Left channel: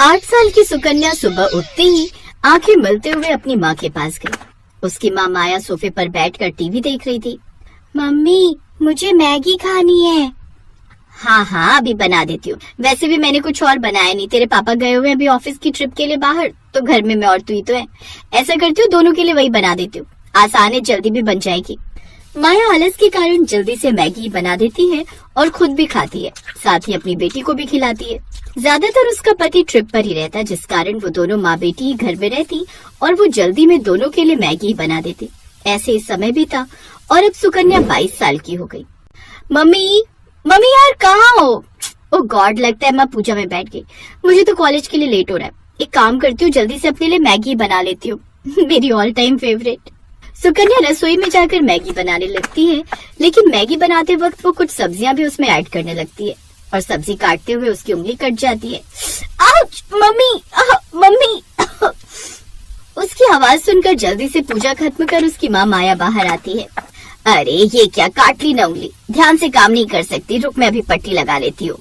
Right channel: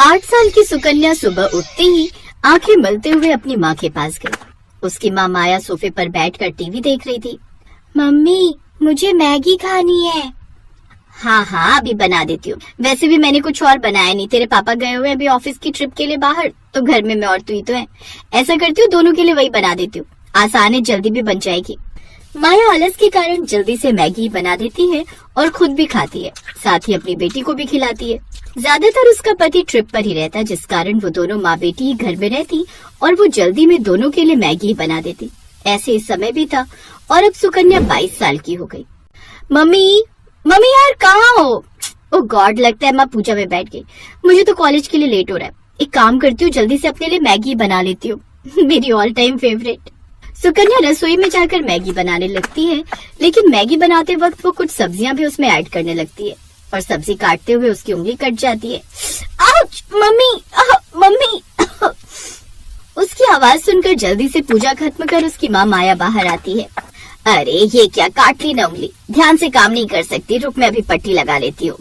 8 साल की सुकन्या सुबह उठते ही आंखें मलते हुए अपनी माँ के पास गई। उसकी माँ माया सोफे पर बैठकर टीवी देख रही थी। मम्मी, मुझे मैगी खानी है। हाँ हाँ, अभी बना देती हूँ। वैसे भी मैंने कुछ और बनाया नहीं, तेरे पापा गए हुए अभी ऑफिस की ट्रिप के लिए बाहर, तो घर में मैं और तू ही तो है। ऐसा करती हूँ, दोनों के लिए वही बना देती हूँ, आसान है, जल्दी भी बन जाएगी। माया आलस के कारण जल्दी से मैगी बना देती है और खुद भी खाती है, साथ ही अपनी बेटी को भी खिलाती है। ज्यादातर उसका पति ट्रिप पर ही रहता, जिस कारण वो दोनों माँ बेटी ही घर में रहती और वो जल्दी में दोनों के लिए मैगी बना देती। ऐसे ही समय बीता और अब सुकन्या 22 साल की हो गई। मम्मी मम्मी यार, कहाँ हो? ओह गॉड, लगता है माँ पूजा में बैठ गई। मुझे तो कॉलेज के लिए लेट हो रहा है। एक काम करती हूँ, जल्दी से अपने लिए मैगी बना लेती हूँ। मेरी ऑल टाइम फेवरेट। सुकन्या रसोई में जाकर मैगी बनाने लगती है, लेकिन मैगी बनाते वक्त वो कुछ सब्जियां भी उसमें ऐड करने लगती है और सब्जी काटते हुए उसकी उंगली कट जाती है। आउच! Mummy, mummy! उसकी आवाज सुनकर जल्दी से पूजा खत्म कर उसकी माँ माया बाहर आती है। अरे ये क्या, काट ली ना उंगली, ध्यान से काम नहीं कर सकती, रुक मैं अभी पट्टी लगा लेती हूँ।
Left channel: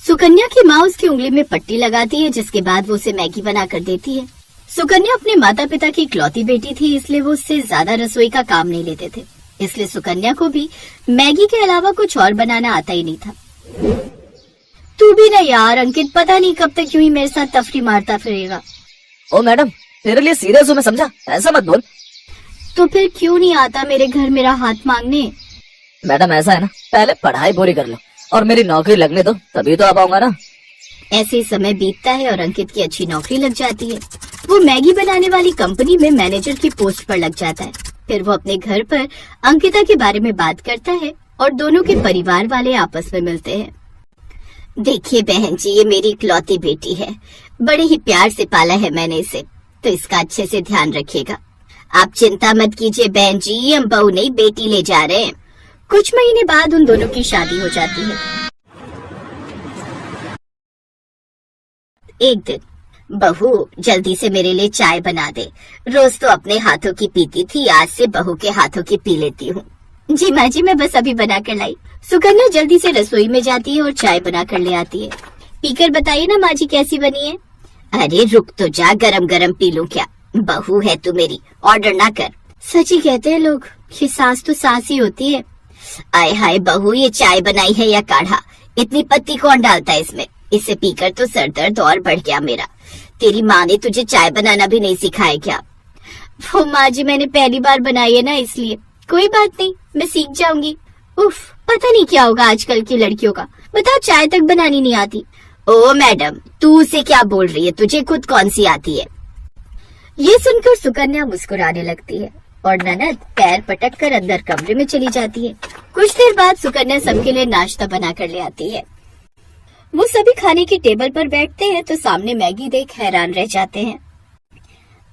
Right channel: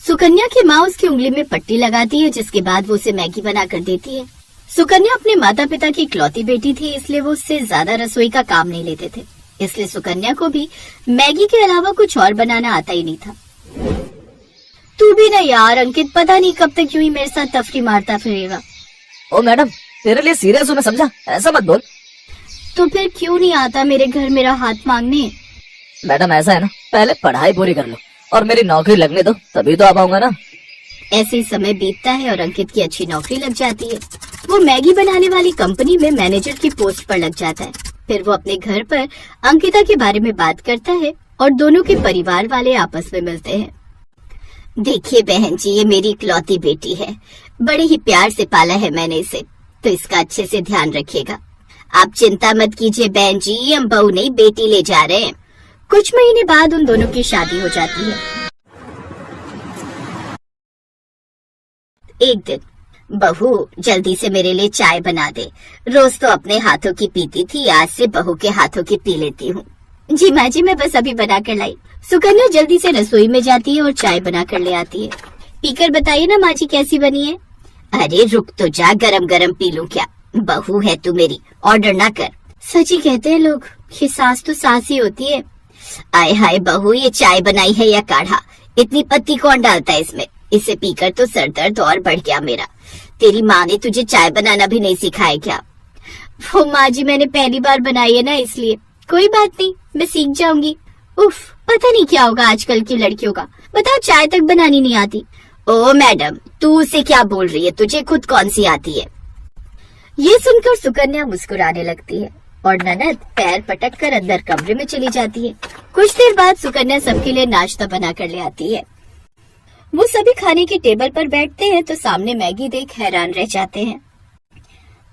सुकन्या की माँ उसकी उंगली में पट्टी लगाती है, जिसके बाद वो उसे मैगी बना कर देती है। सुकन्या अपने माता पिता की इकलौती बेटी थी, इसलिए वो उससे ज्यादा रसोई का काम नहीं लेते थे। इसलिए सुकन्या को भी मैगी के अलावा कुछ और बनाना आता ही नहीं था। तू भी ना यार अंकित, पता नहीं कब तक यूं ही मेरे साथ तफरी मारता फिरेगा। ओ मैडम, तेरे लिए सीरियस हूँ मैं, समझा? ऐसा मत बोल। तो फिर क्यों नहीं आता मेरे घर मेरा हाथ मांगने? मैडम ऐसा है ना, पहले पढ़ाई पूरी कर लो और मेरी नौकरी लगने दो, तभी तो आ पाऊंगा ना। ऐसे ही समय बीतता है और अंकित की अच्छी नौकरी लग जाती है। वो मैगी बनाने वाली कंपनी में मैनेजर की पोस्ट पर लग जाता है। फिर वो अपने घर पर अंकिता के बारे में बात करता है और दोनों के परिवार वाले आपस में मिलते हैं। देखिए बहन जी, ये मेरी इकलौती बेटी है, बड़े ही प्यार से पाला है मैंने इसे, तो इसका अच्छे से ध्यान रखिएगा। आप चिंता मत कीजिए बहन जी, हम बहू नहीं बेटी ले जा रहे हैं। कुछ महीने बाद उन दोनों की शादी हो जाती है। एक दिन, बहू जल्दी से मेरे लिए चाय बना दे, रोज तो अपने हाथों की पीती थी, आज से बहू के हाथों की पी लेती हूँ। जी माँ जी, मैं बस अभी बना कर लाई। सुकन्या जल्दी से रसोई में जाती है और चाय बना कर ले आती है। पीकर बताइए ना माँ जी कैसी बनी है। अरे रुक तो जा, गरम गरम पी लूं क्या, बहू है तू मेरी, ऑर्डर ना कर। सच ही कहते हैं लोग कि सास तो सास ही होती है। आय हाय बहू, ये चाय बनाई है या काढ़ा? इतनी पत्ती कौन डालता है इसमें? इसे पीकर तो सर दर्द और बढ़ गया मेरा। तेरी माँ ने तुझे चाय बनाना भी नहीं सिखाया क्या? वो माँ जी, मैंने पहली बार बनाई है ना, इसलिए। कोई बात नहीं, मैं सीख जाऊंगी। उफ, पता नहीं क्या होगा आजकल की लड़कियों का, बताओ चाय तक बनानी नहीं आती। ओ मैडम, तू उसे क्या बोल रही है, तुझे खुद कौन सी आती है? ये सुनकर सुकन्या मुस्कुराने लगती है और ननद पैर पटक कर अंदर कमरे में चली जाती है। कुछ देर बाद सुकन्या सबके लिए नाश्ता बना कर ले आती है। वो सभी खाने की टेबल पर बैठते हैं तो सामने मैगी देख हैरान रह जाते हैं।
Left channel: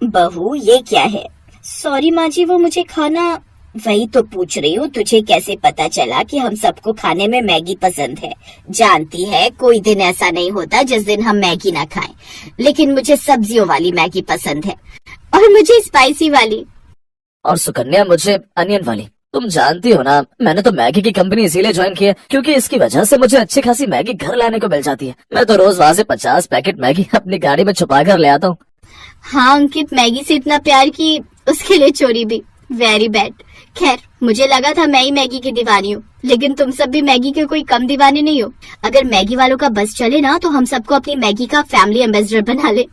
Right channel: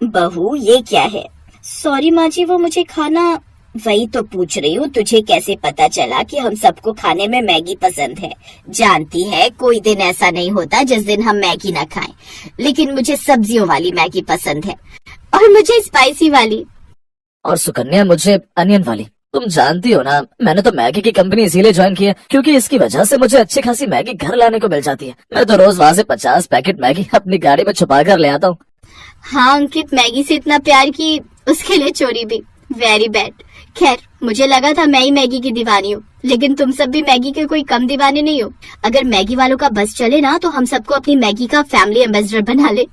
बहू ये क्या है? सॉरी माँ जी, वो मुझे खाना। वही तो पूछ रही हूँ, तुझे कैसे पता चला कि हम सबको खाने में मैगी पसंद है? जानती है, कोई दिन ऐसा नहीं होता जिस दिन हम मैगी ना खाएं, लेकिन मुझे सब्जियों वाली मैगी पसंद है और मुझे स्पाइसी वाली। और सुकन्या मुझे अनियन वाली। तुम जानती हो ना, मैंने तो मैगी की कंपनी इसीलिए ज्वाइन की है क्योंकि इसकी वजह से मुझे अच्छी खासी मैगी घर लाने को मिल जाती है। मैं तो रोज वहाँ से 50 पैकेट मैगी अपनी गाड़ी में छुपा कर ले आता हूँ। हाँ अंकित, मैगी से इतना प्यार की उसके लिए चोरी भी, वेरी बैड। खैर, मुझे लगा था मैं ही मैगी की दीवानी हूँ, लेकिन तुम सब भी मैगी के कोई कम दीवाने नहीं हो। अगर मैगी वालों का बस चले ना तो हम सबको अपनी मैगी का फैमिली एम्बेसडर बना ले।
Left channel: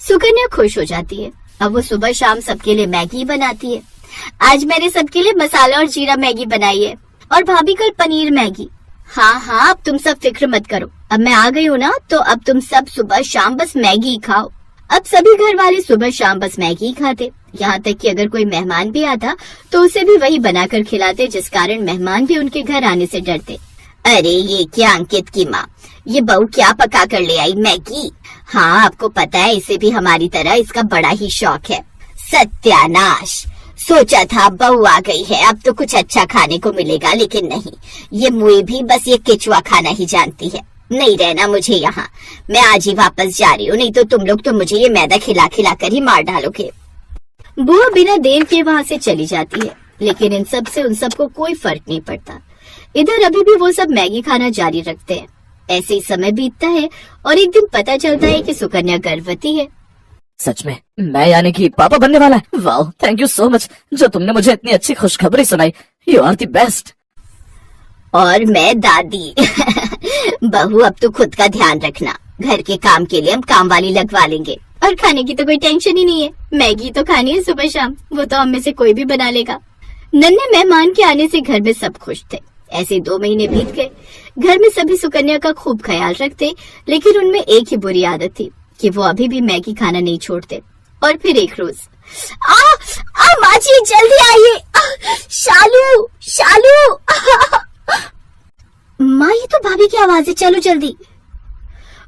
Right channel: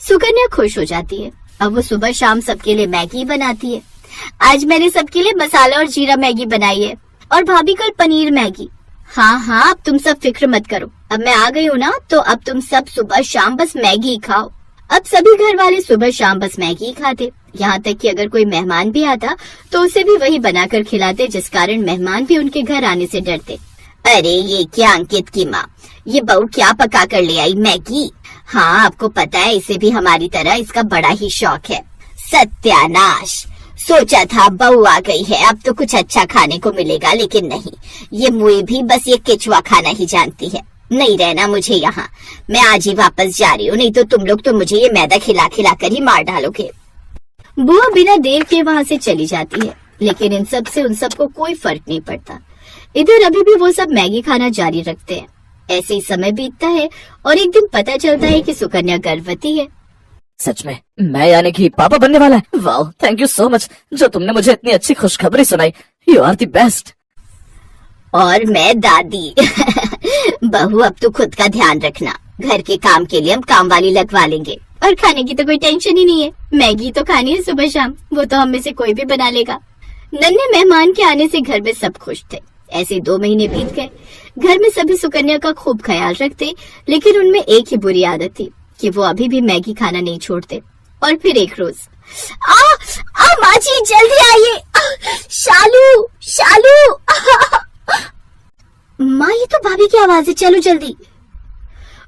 सुकन्या खुश हो जाती है। अब वो सुबह शाम सबके लिए मैगी बनाती है। आज मैंने सबके लिए मसाला और जीरा मैगी बनाई है और भाभी कल पनीर मैगी। हाँ हाँ, अब तुम सब फिक्र मत करो, अब मैं आ गई हूँ ना, तो अब तुम सब सुबह शाम बस मैगी ही खाओ। अब सभी घर वाले सुबह शाम बस मैगी ही खाते, यहाँ तक कि अगर कोई मेहमान भी आता तो उसे भी वही बनाकर खिलाते, जिस कारण मेहमान भी उनके घर आने से डरते। अरे ये क्या अंकित की माँ, ये बहू क्या पका कर ले आई, मैगी? हाँ आपको पता है, इसे भी हमारी तरह इसका बड़ा ही शौक है। सत्यानाश, सोचा था बहू आ गई है अब तो कुछ अच्छा खाने को मिलेगा, लेकिन नहीं, ये मुई भी बस ये केचुआ खाना ही जानती है। नहीं रहना मुझे यहाँ, मैं आज ही वापस जा रही हूँ, नहीं तो तुम लोग तो मुझे ये मैदा खिला खिला कर ही मार डालोगे। बुआ बिना देर के वहाँ से चली जाती है, लेकिन इन सब से उन सबको कोई फर्क नहीं पड़ता। इधर अभी भी वो सब मैगी खाना जारी रखते हैं। ऐसे ही समय बीतता है और एक दिन पता चलता है कि सुकन्या गर्भवती है। सच में मैं यानी कि पापा बनने वाला है। वाह, थैंक यू सो मच जो तुमने मुझे इतनी अच्छी खुशखबरी सुनाई। You are the best. और मैं दादी। बहू अब तो खुद का ध्यान रखना, घर के काम के लिए हम काम वाली लगवा लेंगे और खाने की तो कोई टेंशन ही नहीं है। मैगी तो खानी है सुबह शाम, वो तो हम में से कोई भी बना लेगा। नन्हे मेहमान के आने से घर में सब खुश थे। ऐसे 2 महीने बीत गए। घर में सभी सुकन्या का खूब ख्याल रखते, लेकिन उनमें एक ही बुरी आदत थी कि वो अभी भी मैगी खाना नहीं छोड़ते। और फिर एक रोज, माँ जी जल्दी आइए, शालू शालू। माँ ये तो भाभी की आवाज है, चलो जल्दी।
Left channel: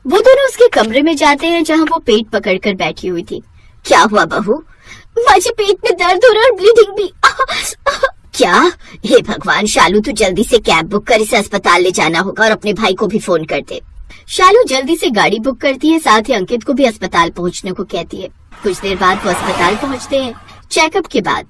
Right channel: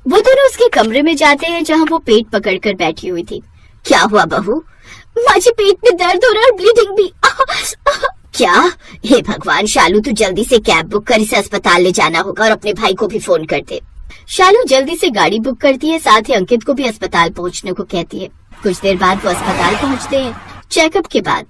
वो दोनों उसके कमरे में जाते हैं जहाँ वो पेट पकड़कर बैठी हुई थी। क्या हुआ बहू? माँ जी पेट में दर्द हो रहा है और ब्लीडिंग भी। क्या? हे भगवान शालू, तू जल्दी से कैब बुक कर, इसे अस्पताल ले जाना होगा और अपने भाई को भी फोन कर दे। शालू जल्दी से गाड़ी बुक करती है, साथ ही अंकित को भी अस्पताल पहुँचने को कहती है। कुछ देर बाद वो अस्पताल पहुँचते हैं। चेकअप के बाद,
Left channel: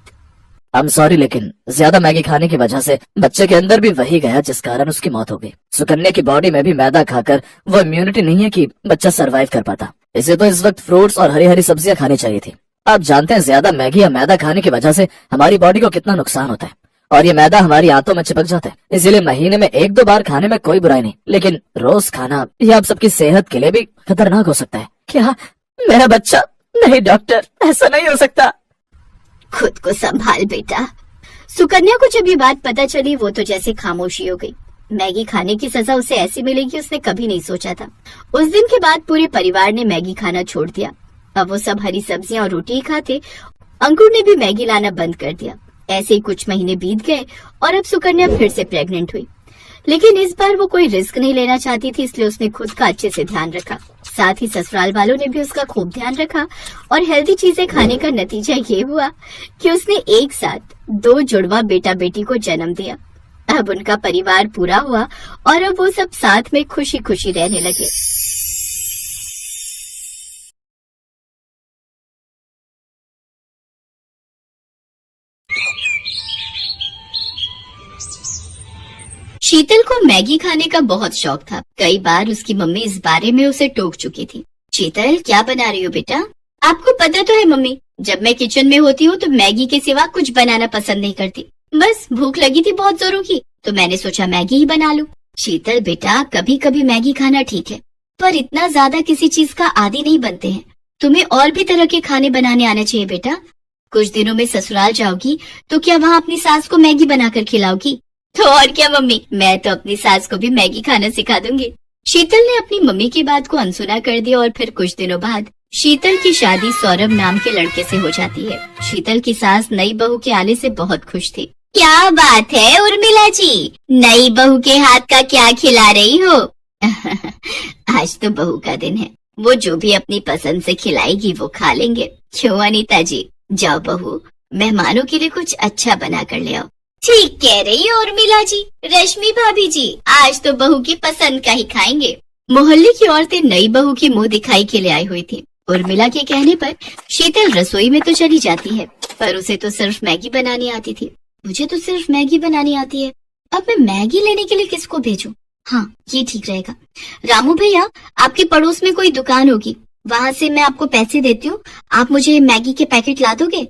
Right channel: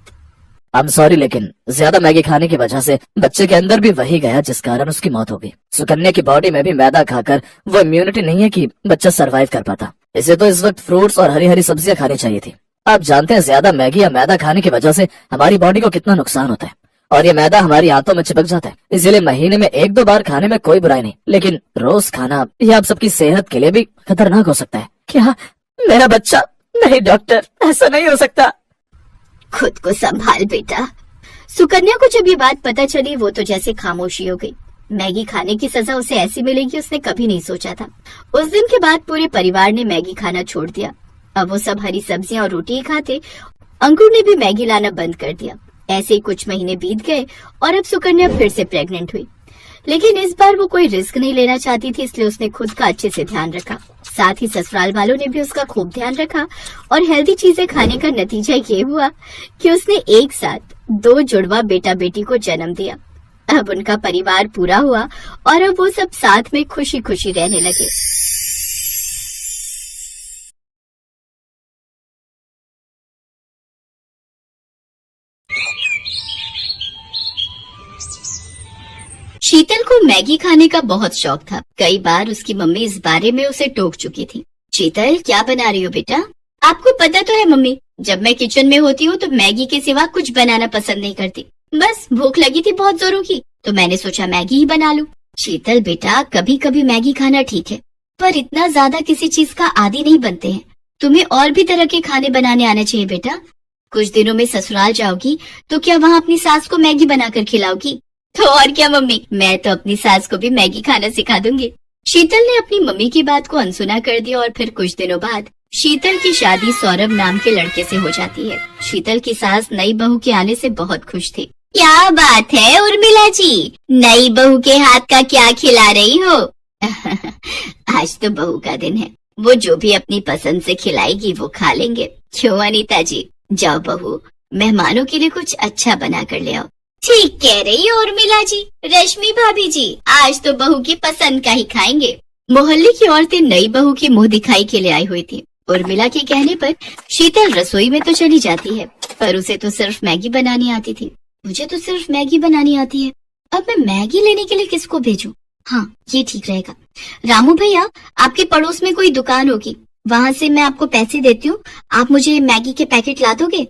आई एम सॉरी, लेकिन ज्यादा मैगी खाने की वजह से बच्चे के अंदर भी वही गया जिस कारण उसकी मौत हो गई। सुकन्या की बॉडी में भी मैदा खाकर वो इम्यूनिटी नहीं है कि बच्चा सरवाइव कर पाता। इसे तो इस वक्त फ्रूट्स और हरी हरी सब्जियां खानी चाहिए थी। आप जानते हैं ज्यादा मैगी या मैदा खाने की वजह से हमारी बॉडी को कितना नुकसान होता है, और ये मैदा हमारी आंतों में चिपक जाता है। इसलिए महीने में 1-2 बार खाने में कोई बुराई नहीं, लेकिन रोज खाना यह आप सबकी सेहत के लिए भी खतरनाक हो सकता है। क्या मेरा बच्चा? नहीं डॉक्टर, ऐसा नहीं हो सकता। खुद को संभाल बेटा। सुकन्या को जब ये बात पता चली वो तो जैसे खामोशी हो गई। मैगी खाने की सजा उसे ऐसी मिलेगी उसने कभी नहीं सोचा था। उस दिन के बाद पूरे परिवार ने मैगी खाना छोड़ दिया। अब वो सब हरी सब्जियां और रोटी ही खाते। अंकुर ने भी मैगी लाना बंद कर दिया। ऐसे ही कुछ महीने बीत गए और अब सुकन्या फिर से प्रेग्नेंट हुई, लेकिन इस बार वो कोई रिस्क नहीं लेना चाहती थी, इसलिए उसने खुद का अच्छे से ध्यान रखा। साथ ही ससुराल वालों ने भी उसका खूब ध्यान रखा और हेल्दी चीजें खाने का नतीजा ये हुआ कि उसने एक साथ 2 जुड़वा बेटा बेटी को जन्म दिया। अब उनका परिवार पूरा हुआ और अब वो सब साथ में खुशी खुशी रहने लगे। शीतल को मैगी खाने का बहुत शौक था। कई बार उसकी मम्मी इस बारे में उसे टोक चुकी थी। शीतल क्या बना रही हो बेटा? आपको पता तो है मम्मी, जब मैं किचन में होती हूँ तो मैगी के सिवा कुछ बनाना पसंद नहीं करती। बस भूख लगी थी बहुत जोरों की, तो मैंने सोचा मैगी ही बना लूं। शीतल बेटा, कभी कभी मैगी खाना ठीक है, पर इतना ज्यादा किसी चीज का आदी नहीं बनते हैं। तुम्हें और भी तरह के खाने बनाने आना चाहिए बेटा। कुछ दिनों में ससुराल जाओगी तो क्या वहाँ अपनी सास को मैगी बनाकर खिलाओगी? तो और क्या मम्मी, मैं तो अपनी सास को भी मैगी खाना सिखा दूंगी। शीतल ने अपनी मम्मी की बात को अनसुना कर दिया और फिर कुछ दिनों बाद शीतल की शादी सौरभ नाम के लड़के से हो जाती है। शीतल की सास नई बहू के आने से बहुत खुश थी। क्या बात है उर्मिला जी, नई बहू के हाथ का क्या खिला रही हो? आज तो बहू का दिन है, वो जो भी अपनी पसंद से खिलाएगी वो खा लेंगे। क्यों अनीता जी? जाओ बहू, मेहमानों के लिए कुछ अच्छा बना कर ले आओ। ठीक कह रही हो उर्मिला जी। रश्मि भाभी जी, आज तो बहू की पसंद का ही खाएंगे। मोहल्ले की औरतें नई बहू की मुंह दिखाई के लिए आई हुई थी। उर्मिला के कहने पर शीतल रसोई में तो चली जाती है, पर उसे तो सिर्फ मैगी बनानी आती थी। मुझे तो सिर्फ मैगी बनानी आती है, अब मैं मैगी लेने के लिए किसको भेजूं? हाँ, ये ठीक रहेगा। रामू भैया, आपके पड़ोस में कोई दुकान होगी, वहाँ से मैं आपको पैसे देती हूँ, आप मुझे मैगी के पैकेट ला दोगे?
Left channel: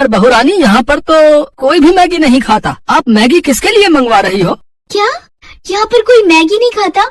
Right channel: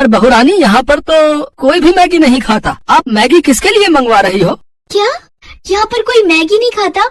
पर बहू रानी, यहाँ पर तो कोई भी मैगी नहीं खाता। आप मैगी किसके लिए मंगवा रही हो? क्या यहाँ पर कोई मैगी नहीं खाता?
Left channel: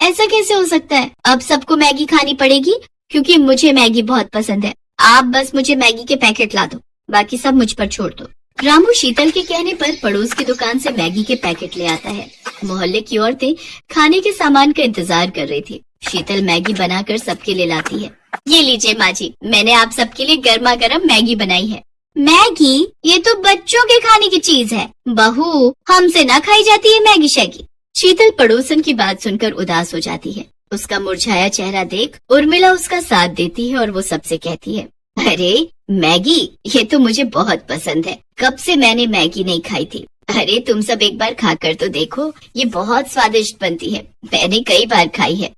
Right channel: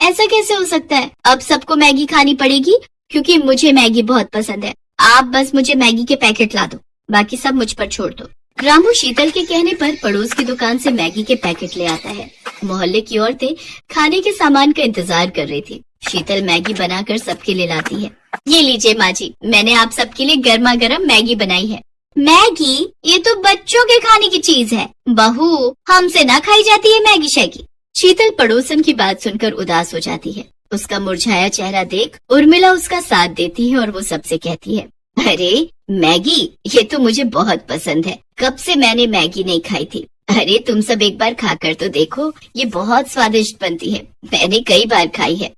ऐसा कैसे हो सकता है? अब सबको मैगी खानी पड़ेगी क्योंकि मुझे मैगी बहुत पसंद है। आप बस मुझे मैगी के पैकेट ला दो, बाकी सब मुझ पर छोड़ दो। रामू शीतल के कहने पर पड़ोस की दुकान से मैगी के पैकेट ले आता है। मोहल्ले की औरतें खाने के सामान का इंतजार कर रही थी। शीतल मैगी बनाकर सबके लिए लाती है। ये लीजिए माँ जी, मैंने आप सबके लिए गर्मा गर्म मैगी बनाई है। मैगी? ये तो बच्चों के खाने की चीज है बहू, हमसे ना खाई जाती है मैगी शैगी। शीतल पड़ोसन की बात सुनकर उदास हो जाती है। उसका मुरझाया चेहरा देख उर्मिला उसका साथ देती है और वो सबसे कहती है, अरे मैगी, ये तो मुझे बहुत पसंद है, कब से मैंने मैगी नहीं खाई थी। अरे तुम सब एक बार खाकर तो देखो, ये बहुत स्वादिष्ट बनती है, मैंने कई बार खाई है।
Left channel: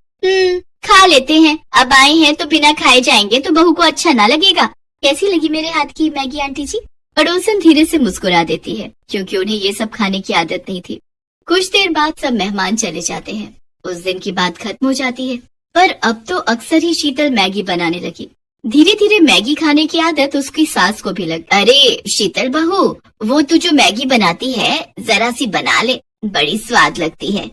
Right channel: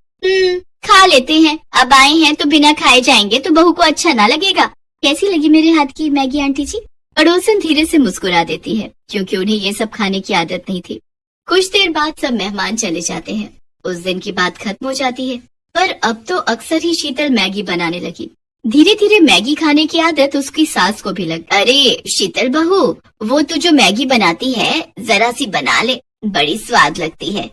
खा लेते हैं, अब आए हैं तो बिना खाए जाएंगे तो बहू को अच्छा ना लगेगा। कैसी लगी मेरे हाथ की मैगी आंटी जी? पड़ोसन धीरे से मुस्कुरा देती है क्योंकि उन्हें ये सब खाने की आदत नहीं थी। कुछ देर बाद सब मेहमान चले जाते हैं। उस दिन की बात खत्म हो जाती है। पर अब तो अक्सर ही शीतल मैगी बनाने लगी। धीरे धीरे मैगी खाने की आदत उसकी सास को भी लग। अरे शीतल बहू, वो तू जो मैगी बनाती है जरा सी बना ले, बड़ी स्वाद लगती है।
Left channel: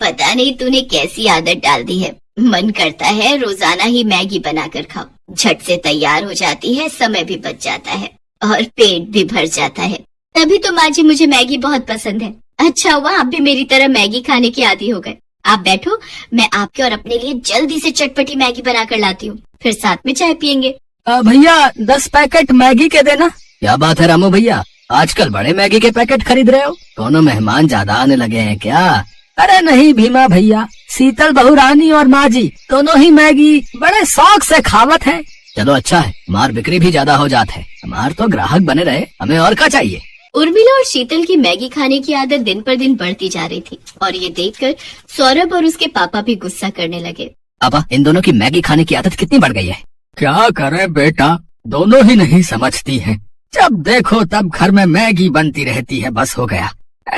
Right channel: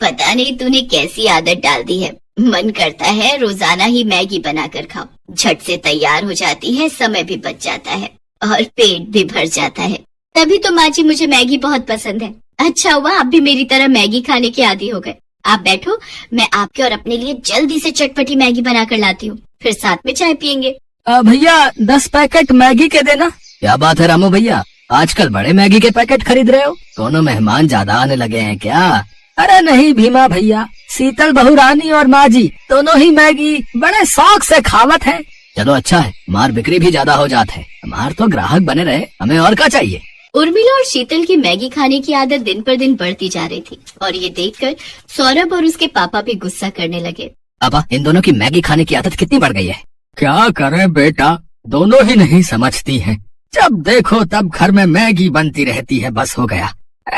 पता नहीं तूने कैसी आदत डाल दी है, मन करता है रोजाना ही मैगी बनाकर खाओ। झट से तैयार हो जाती है, समय भी बच जाता है और पेट भी भर जाता है। तभी तो माँ जी मुझे मैगी बहुत पसंद है। अच्छा हुआ आप भी मेरी तरह मैगी खाने के आदी हो गए। आप बैठो, मैं आपके और अपने लिए जल्दी से चटपटी मैगी बनाकर लाती हूँ, फिर साथ में चाय पियेंगे। भैया 10 पैकेट मैगी के देना। क्या बात है रामू भैया, आजकल बड़े मैगी के पैकेट खरीद रहे हो? दोनों मेहमान ज्यादा आने लगे हैं क्या? अरे नहीं भीमा भैया, शीतल बहू रानी और माँ जी दोनों ही मैगी बड़े शौक से खावत है। चलो अच्छा है, मार बिक्री भी ज्यादा हो जात है, हमार तो ग्राहक बने रहे, हमें और क्या चाहिए। उर्मिला और शीतल की मैगी खाने की आदत दिन पर दिन बढ़ती जा रही थी और ये देखकर सौरभ और उसके पापा भी गुस्सा करने लगे। पापा, इन दोनों की मैगी खाने की आदत कितनी बढ़ गई है। क्या करें बेटा, दोनों ही नहीं समझती हैं। जब देखो तब घर में मैगी बनती रहती है, बस हो गया।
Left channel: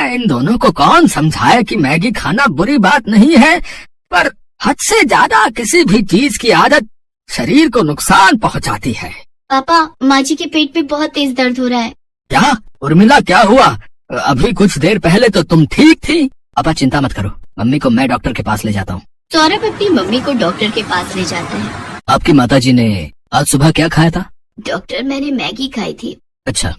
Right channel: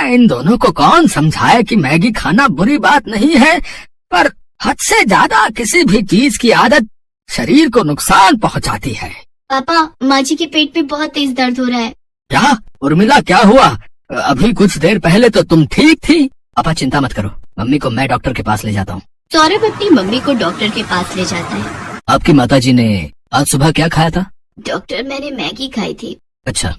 इन दोनों को कौन समझाए कि मैगी खाना बुरी बात नहीं है, पर हद से ज्यादा किसी भी चीज की आदत शरीर को नुकसान पहुंचाती है। पापा, माँ जी के पेट में बहुत तेज दर्द हो रहा है। क्या उर्मिला, क्या हुआ? अभी कुछ देर पहले तो तुम ठीक थी। पापा चिंता मत करो, मम्मी को मैं डॉक्टर के पास ले जाता हूँ। सौरभ अपनी मम्मी को डॉक्टर के पास ले जाता है। आपकी माताजी ने आज सुबह क्या खाया था? डॉक्टर, मैंने मैगी खाई थी। अच्छा,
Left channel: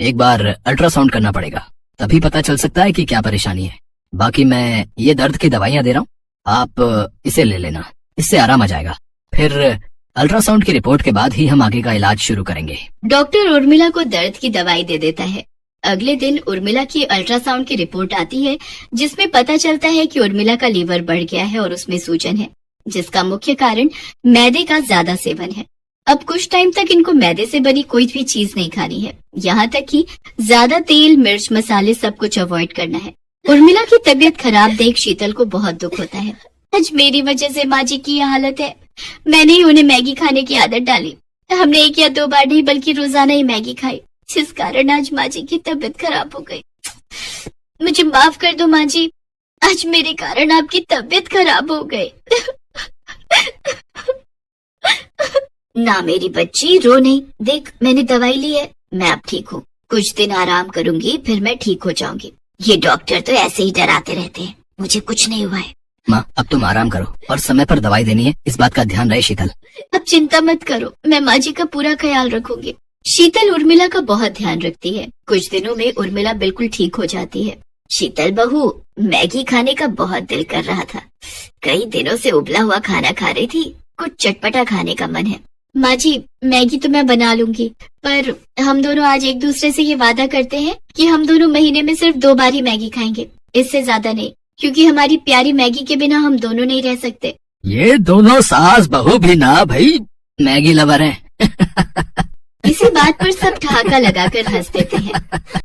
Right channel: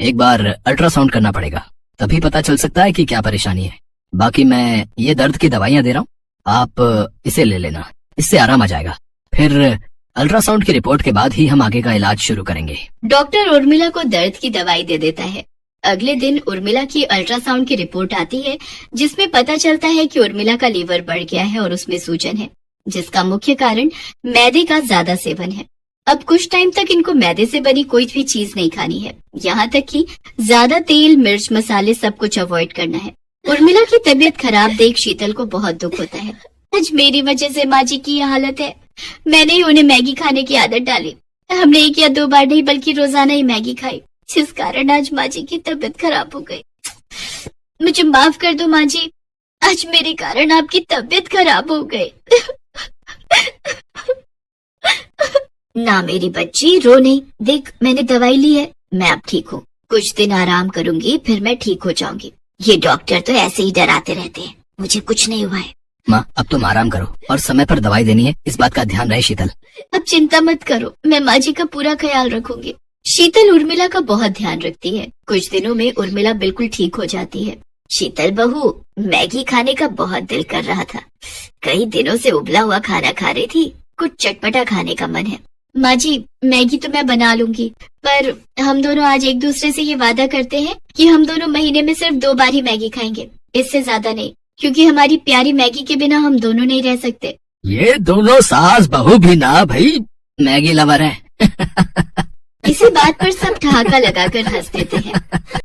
एक बार अल्ट्रासाउंड करना पड़ेगा, तभी पता चल सकता है कि क्या परेशानी है। बाकी मैं ये दर्द की दवाइयाँ दे रहा हूँ, आप इसे ले लेना, इससे आराम आ जाएगा। फिर अल्ट्रासाउंड की रिपोर्ट के बाद ही हम आगे का इलाज शुरू करेंगे। डॉक्टर उर्मिला को दर्द की दवाई दे देता है। अगले दिन उर्मिला की अल्ट्रासाउंड की रिपोर्ट आती है, जिसमें पता चलता है कि उर्मिला का लीवर बढ़ गया है और उसमें सूजन है, जिसका मुख्य कारण मैदे का ज्यादा सेवन है। अब कुछ टाइम तक इनको मैदे से बनी कोई भी चीज नहीं खानी है, यहाँ तक कि ज्यादा तेल, मिर्च, मसाले सब कुछ अवॉइड करना है। उर्मिला की तबीयत खराब देख शीतल को बहुत दुख होता है। आज मेरी वजह से माँ जी की यह हालत है। मैंने ही उन्हें मैगी खाने की आदत डाली। हमने 1 या 2 बार नहीं बल्कि रोजाना ही मैगी खाई, जिस कारण आज माँ जी की तबीयत खराब हो गई। मुझे माफ कर दो माँ जी, आज मेरे कारण आपकी तबीयत खराब हो गई। ना मेरी बच्ची, रो नहीं, देख मैंने दवाई ली है, मैं अब ठीक हूँ। कुछ दिन आराम करूंगी, फिर मैं ठीक हो जाऊंगी। ये डॉक्टर तो ऐसे ही डराते रहते हैं, मुझे कुछ नहीं हुआ है। माँ, अब तुम आराम करो और समय पर दवाई देनी है, इस बात का ध्यान रहे शीतल। अब चिंता मत करो, मैं माँ जी का पूरा ख्याल रखूंगी। शीतल उर्मिला का बहुत ध्यान रखती है। कुछ दिनों में उर्मिला बिल्कुल ठीक हो जाती है। शीतल बहू, मैगी खाने का बहुत दिल कर रहा था, कई दिनों से उबला हुआ खाना खा रही थी, कुछ चटपटा खाने का मन है। माँ जी, मैगी तो मैं बना लूंगी, पर हम दोनों आज एक दूसरे से ये वादा करते हैं कि हम दोनों महीने में सिर्फ 2 बार ही मैगी खाएंगे, इससे ज्यादा नहीं, क्योंकि हमारी प्यारी मैगी के बिना हम दोनों नहीं रह सकते। ये दोनों सास बहू भी ना भाई मैगी लवर हैं। इसी बात पर सब ठहाका लगाकर हंस देते हैं।